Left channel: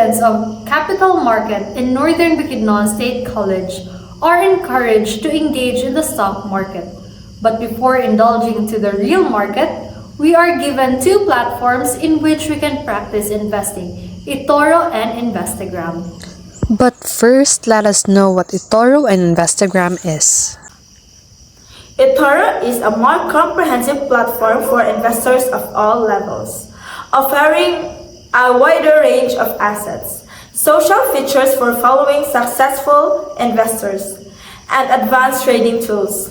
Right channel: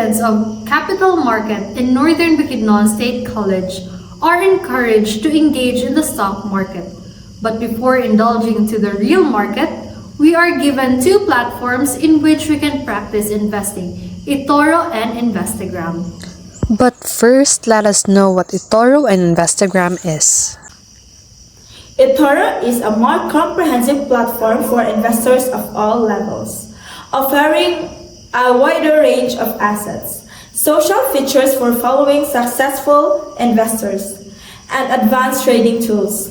students of Capital Market in Northern Bukidnon State College are encouraged to engage in the stock market. But before indulging into the real market, we are given two platforms in which we can practice investing, eToro and Investagram. But first, let us know what eToro and Investagram is. eToro is a more comprehensive platform for investors of all levels, offering a wider range of assets, social features for following successful investors, and advanced trading tools.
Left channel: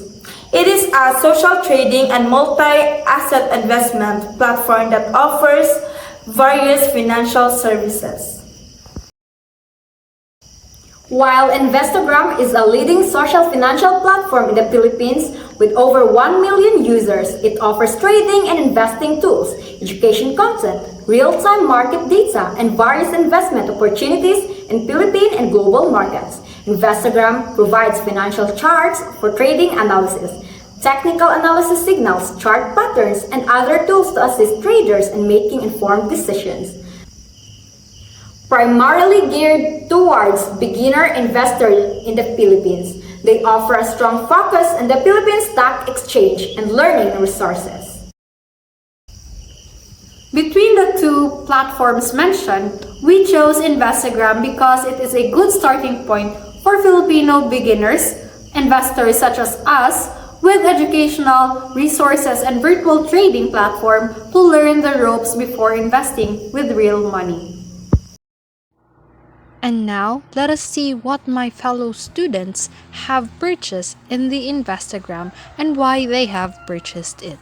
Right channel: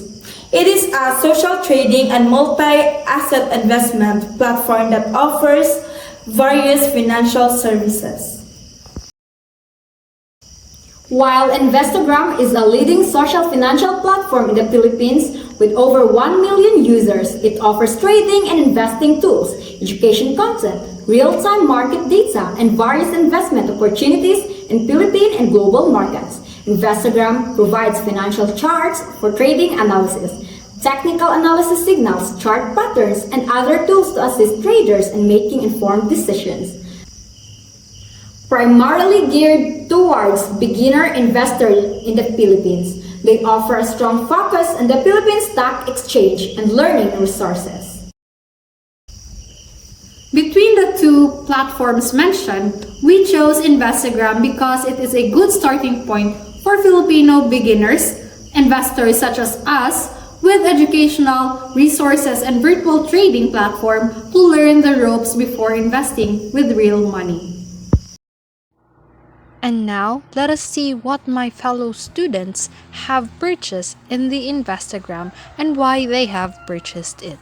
It is a social trading and multi-asset investment platform that offers various financial services. While Investagram is a leading social financial platform in the Philippines with over 1 million users, it offers trading and investing tools, education content, real-time market data, and various investment opportunities in Philippine and global markets. Investagram provides financial charts for trading analysis, technical analysis signals, chart patterns, and other tools to assist traders in making informed decisions. Primarily geared towards beginner investors in the Philippines, they offer a strong focus on the Philippine Stock Exchange and learning resources. Between the two platforms mentioned, we chose Investagram because it is a good starting point for Filipino beginners, investors such as us, with educational resources and virtual trading platform to learn the ropes before investing with real money. And now, let us see what my fellow students have purchased in the Investagram and why they have purchased it.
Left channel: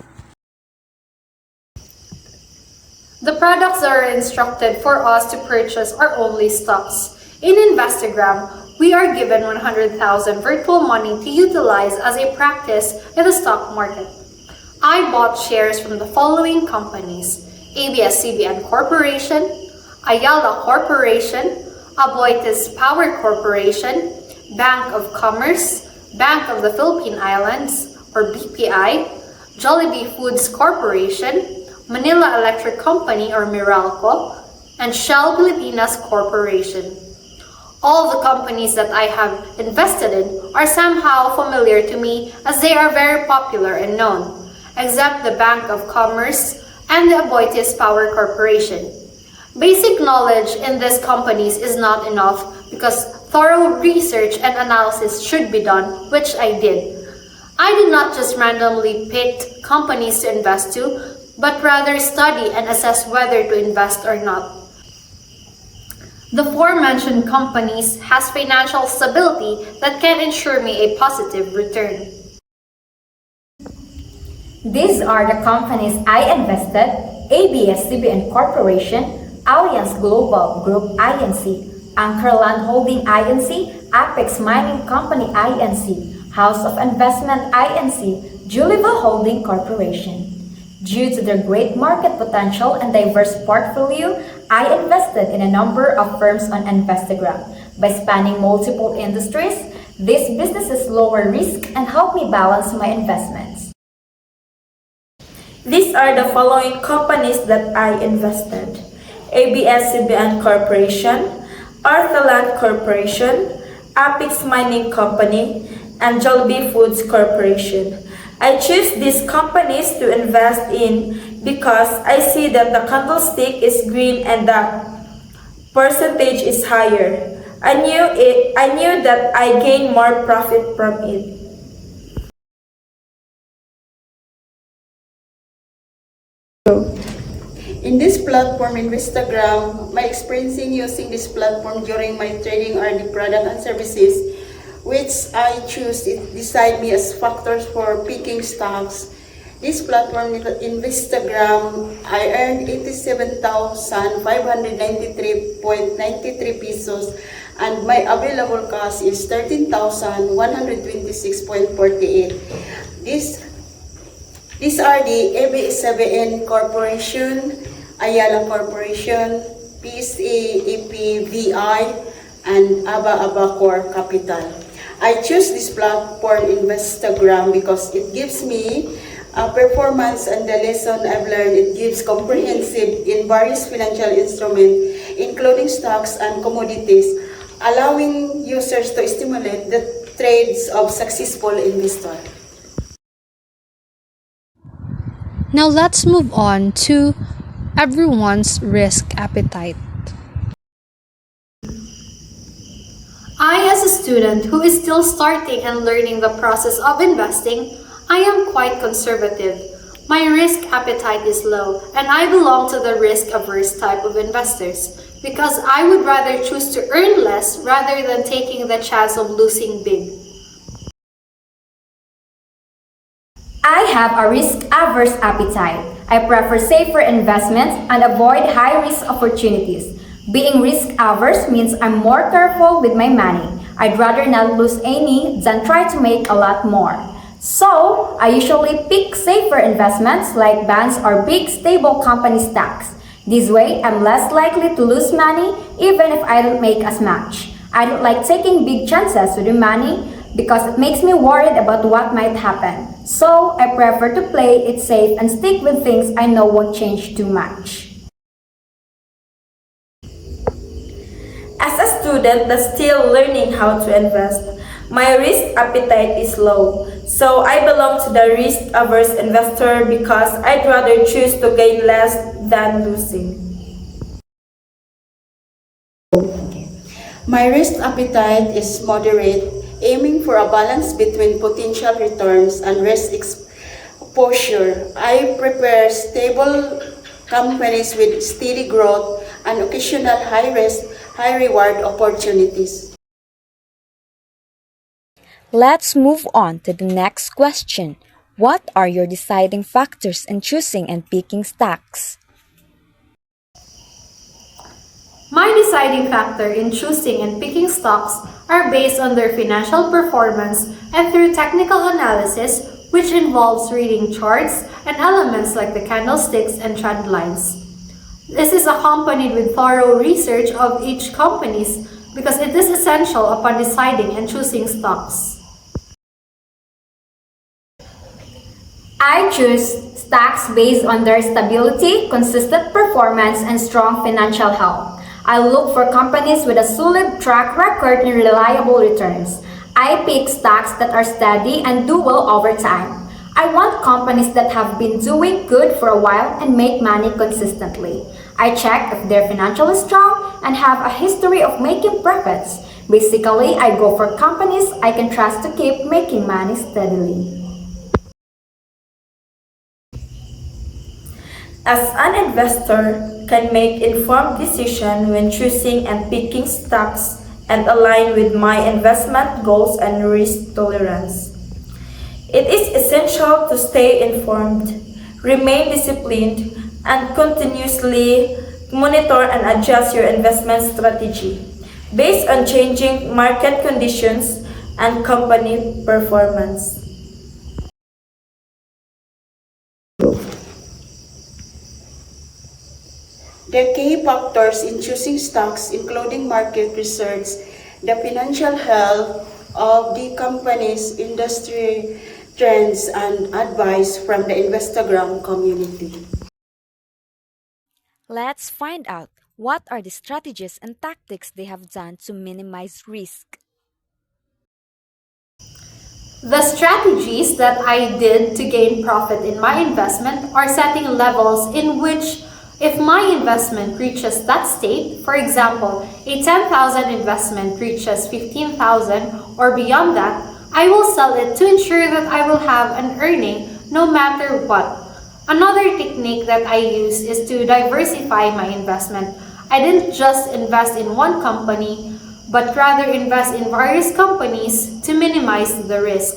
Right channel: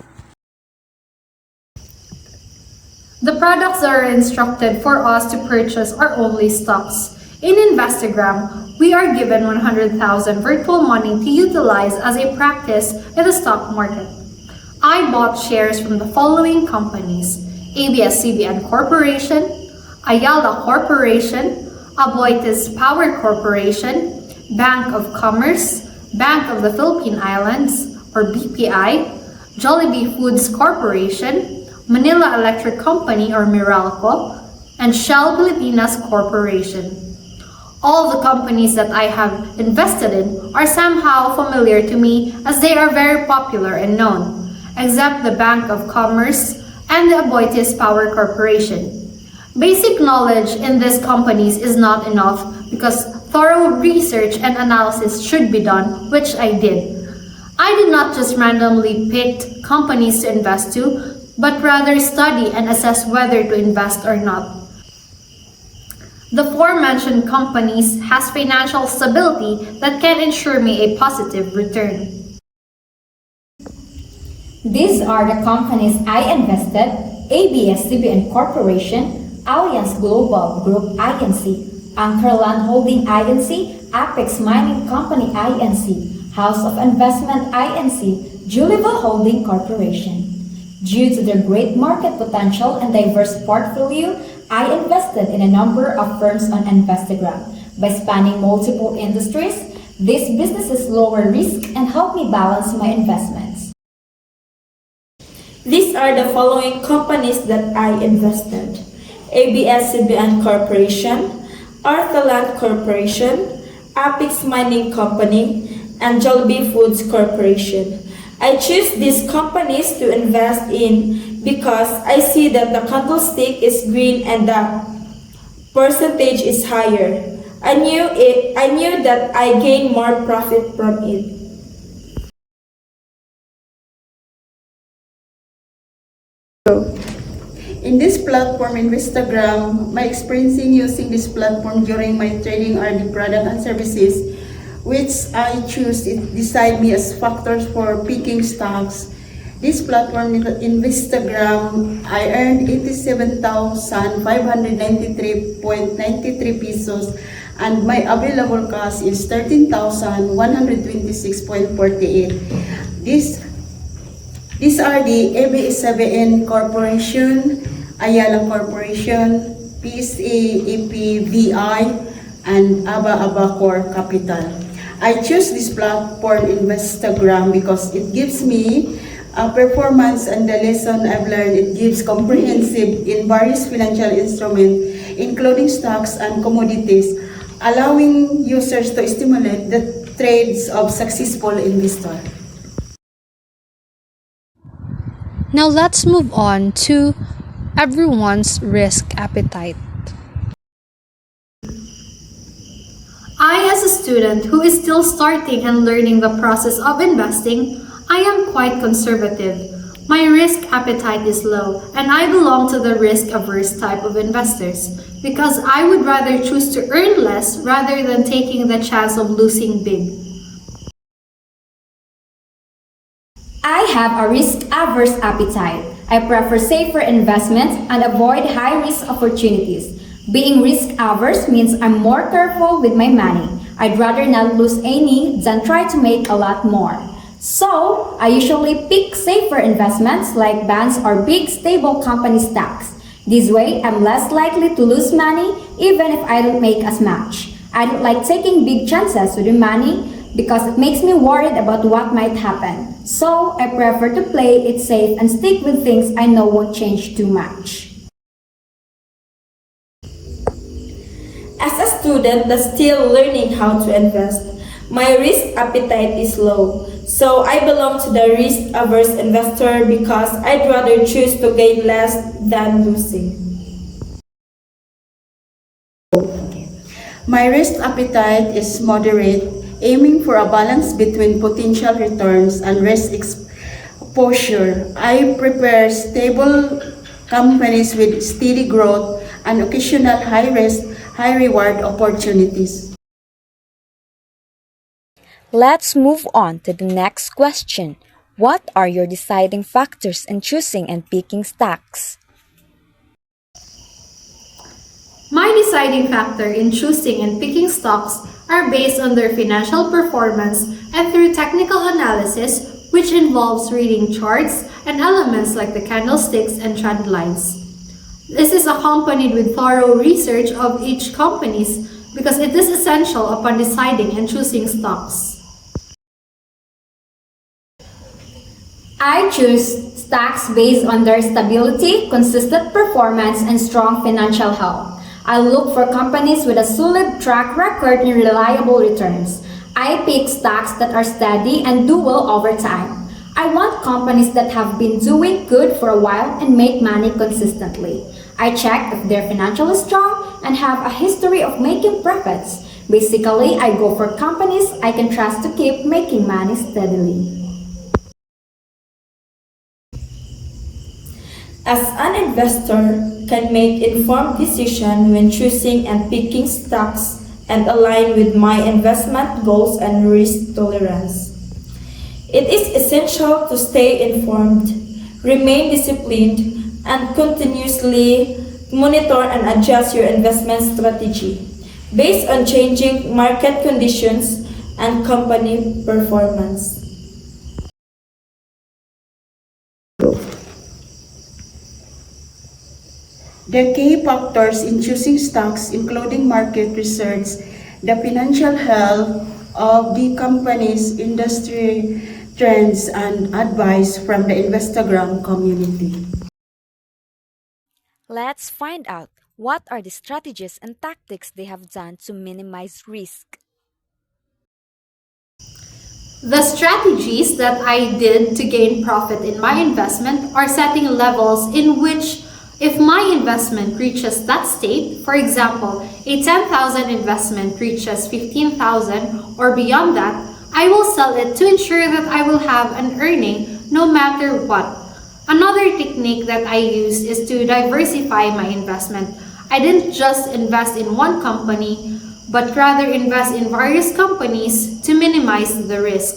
The products that are instructed for us to purchase are only stocks. In Investagram, we are given 100,000 virtual money to utilize as a practice in the stock market. I bought shares from the following companies: ABS-CBN Corporation, Ayala Corporation, Aboitiz Power Corporation, Bank of Commerce, Bank of the Philippine Islands, or BPI, Jollibee Foods Corporation, Manila Electric Company or Meralco, and Shell Pilipinas Corporation. All the companies that I have invested in are somehow familiar to me as they are very popular and known, except the Bank of Commerce and the Aboitiz Power Corporation. Basic knowledge in these companies is not enough because thorough research and analysis should be done, which I did. I did not just randomly pick companies to invest to, but rather study and assess whether to invest or not. The aforementioned companies has financial stability that can ensure me a positive return. These are the companies I invested: ABS-CBN Corporation, Alliance Global Group Inc., Anchorland Holding Inc., Apex Mining Company Inc., House of Investment Inc., Julieville Holding Corporation. Due to their great market potential and diverse portfolio, I invested in a number of firms on Investagram. By spanning multiple industries, these businesses lower risk and help me balance my investments. These are the following companies that I invested: ABS-CBN Corporation, Arthaland Corporation, Apex Mining Company, and Jollibee Foods Corporation. I choose these companies to invest in because I see that the candlestick is green and the percentage is higher. I knew that I gain more profit from it. In this platform, Investagram, my experience in using this platform during my trading are the product and services which I choose. It decide me as factors for picking stocks. This platform, Investagram, I earned 87,593.93 pesos and my available cost is 13,126.48. These are the ABS-CBN Corporation, Ayala Corporation, PSA-APVI, and Aba Core Capital. I choose this platform Investagram because it gives me performance and the lesson I've learned. It gives comprehensive in various financial instruments, including stocks and commodities, allowing users to stimulate the trades of successful investors. Now let's move on to everyone's risk appetite. I, as a student who is still starting and learning the process of investing, I am quite conservative. My risk appetite is low, and I belong to the risk-averse type of investors because I would rather choose to earn less rather than taking the chance of losing big. I have a risk-averse appetite. I prefer safer investments and avoid high-risk opportunities. Being risk-averse means I'm more careful with my money. I'd rather not lose any than try to make a lot more. So, I usually pick safer investments like bonds or big stable company stocks. This way, I'm less likely to lose money even if I don't make as much. I don't like taking big chances with the money because it makes me worried about what might happen. So, I prefer to play it safe and stick with things I know won't change too much. As a student that's still learning how to invest, my risk appetite is low. So I belong to the risk-averse investor because I'd rather choose to gain less than losing. My risk appetite is moderate, aiming for a balance between potential returns and risk exposure. I prefer stable companies with steady growth and occasional high-risk, high-reward opportunities. Let's move on to the next question. What are your deciding factors in choosing and picking stocks? My deciding factor in choosing and picking stocks are based on their financial performance and through technical analysis, which involves reading charts and elements like the candlesticks and trend lines. This is accompanied with thorough research of each companies because it is essential upon deciding and choosing stocks. I choose stocks based on their stability, consistent performance, and strong financial health. I look for companies with a solid track record and reliable returns. I pick stocks that are steady and do well over time. I want companies that have been doing good for a while and make money consistently. I check if they're financially strong and have a history of making profits. Basically, I go for companies I can trust to keep making money steadily. As an investor can make informed decisions when choosing and picking stocks and align with my investment goals and risk tolerance. It is essential to stay informed, remain disciplined, and continuously monitor and adjust your investment strategy based on changing market conditions and company performance. The key factors in choosing stocks including market research, the financial health of the company's industry trends, and advice from the Instagram community. Let's find out what are the strategies and tactics they have done to minimize risk. The strategies that I did to gain profit in my investment are setting levels in which if my investment reaches that state, for example, a 10,000 investment reaches 15,000 or beyond that, I will sell it to ensure that I will have an earning no matter what. Another technique that I use is to diversify my investment. I didn't just invest in one company, but rather invest in various companies to minimize the risk.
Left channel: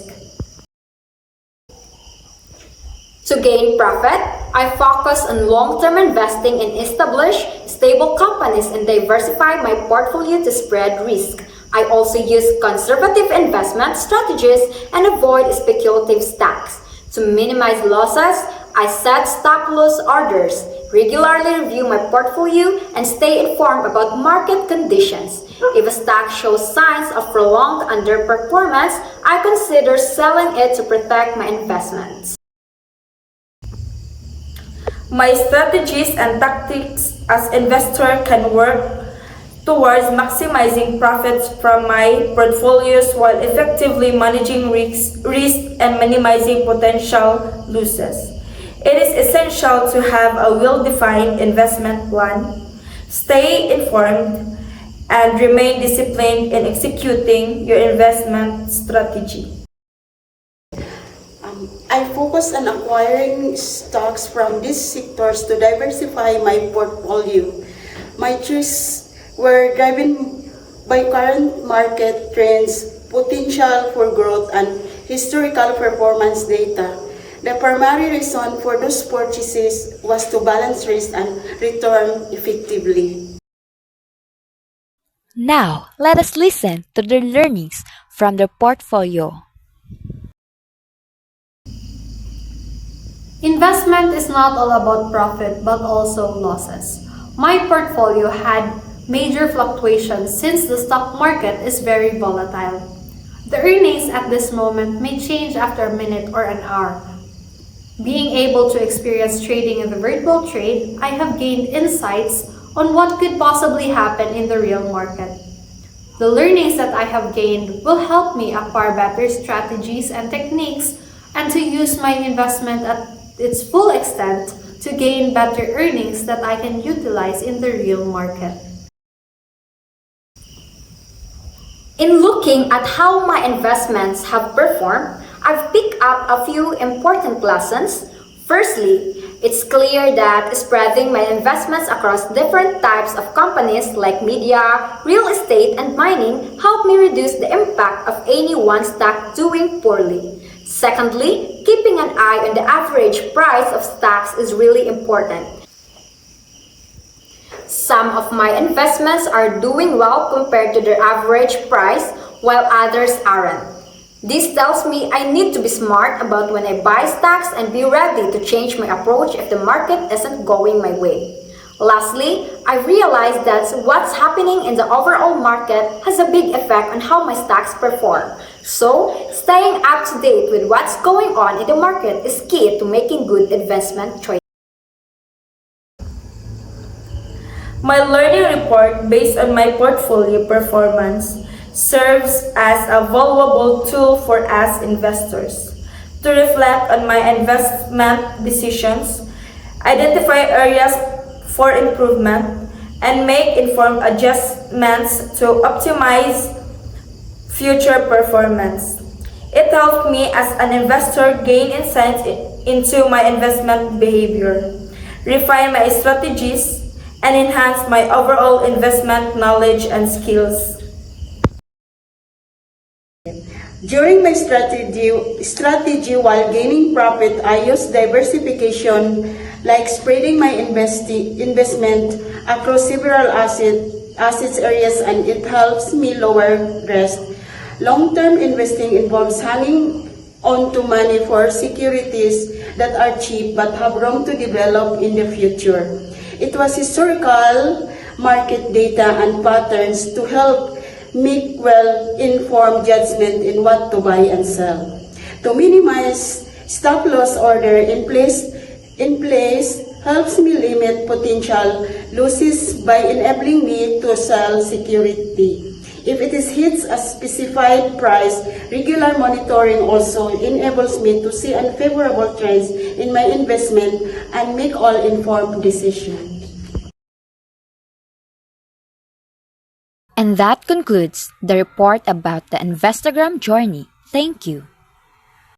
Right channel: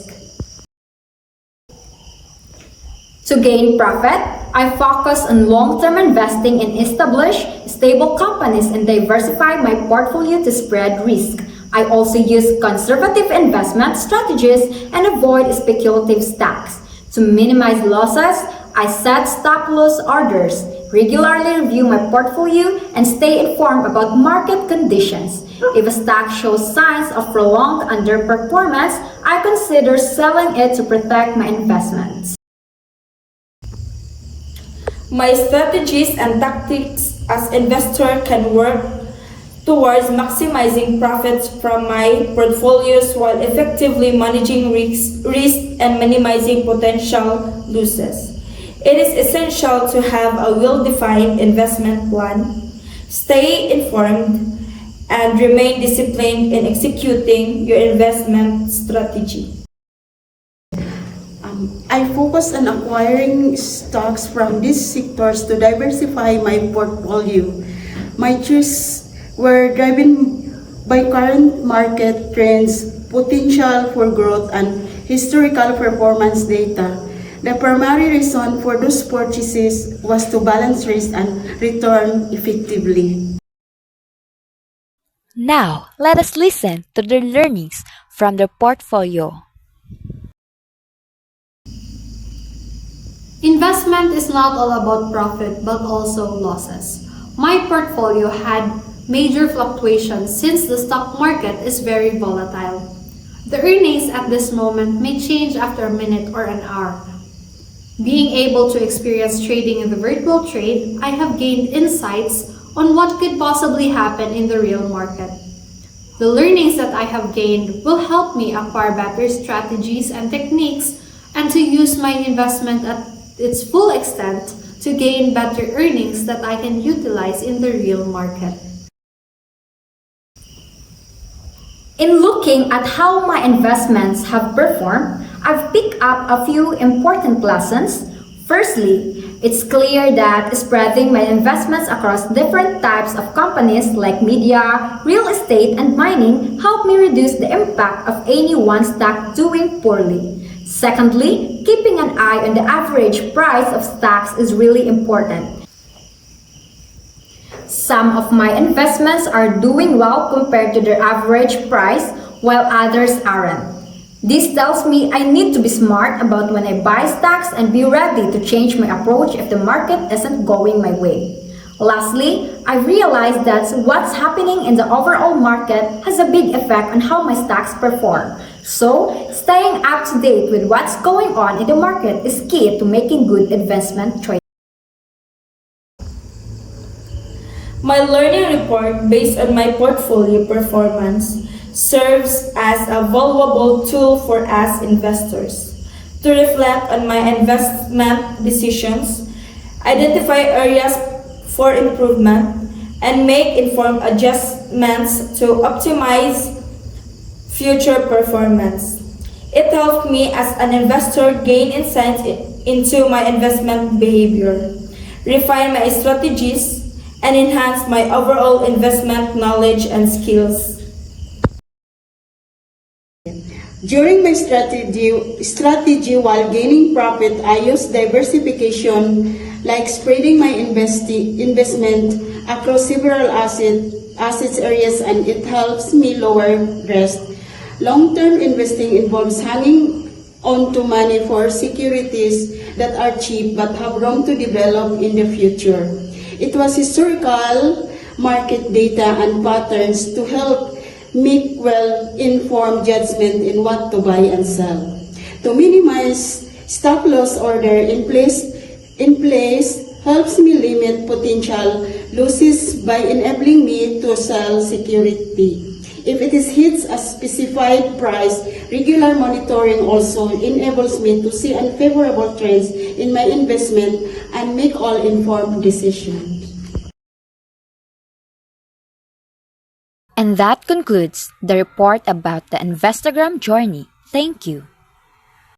To gain profit, I focus on long-term investing in established, stable companies and diversify my portfolio to spread risk. I also use conservative investment strategies and avoid speculative stocks. To minimize losses, I set stop-loss orders, regularly review my portfolio, and stay informed about market conditions. If a stock shows signs of prolonged underperformance, I consider selling it to protect my investments. My strategies and tactics as investor can work towards maximizing profits from my portfolios while effectively managing risk and minimizing potential losses. It is essential to have a well-defined investment plan, stay informed, and remain disciplined in executing your investment strategy. I focus on acquiring stocks from these sectors to diversify my portfolio. My choices were driven by current market trends, potential for growth, and historical performance data. The primary reason for those purchases was to balance risk and return effectively. Now, let us listen to the learnings from the portfolio. Investment is not all about profit but also losses. My portfolio had major fluctuations since the stock market is very volatile. The earnings at this moment may change after a minute or an hour. Being able to experience trading in the virtual trade, I have gained insights on what could possibly happen in the real market. The learnings that I have gained will help me acquire better strategies and techniques and to use my investment at its full extent to gain better earnings that I can utilize in the real market. In looking at how my investments have performed, I've picked up a few important lessons. Firstly, it's clear that spreading my investments across different types of companies like media, real estate, and mining helped me reduce the impact of any one stock doing poorly. Secondly, keeping an eye on the average price of stocks is really important. Some of my investments are doing well compared to their average price, while others aren't. This tells me I need to be smart about when I buy stocks and be ready to change my approach if the market isn't going my way. Lastly, I realized that what's happening in the overall market has a big effect on how my stocks perform. So, staying up to date with what's going on in the market is key to making good investment choices. My learning report based on my portfolio performance serves as a valuable tool for us investors to reflect on my investment decisions, identify areas for improvement, and make informed adjustments to optimize future performance. It helped me as an investor gain insight into my investment behavior, refine my strategies, and enhance my overall investment knowledge and skills. During my strategy while gaining profit, I use diversification like spreading my investment across several assets areas, and it helps me lower risk. Long-term investing involves hanging on to money for securities that are cheap but have room to develop in the future. It was historical market data and patterns to help make well-informed judgment in what to buy and sell. To minimize stop loss order in place helps me limit potential losses by enabling me to sell security. If it hits a specified price, regular monitoring also enables me to see unfavorable trends in my investment and make all informed decisions. And that concludes the report about the Instagram journey. Thank you.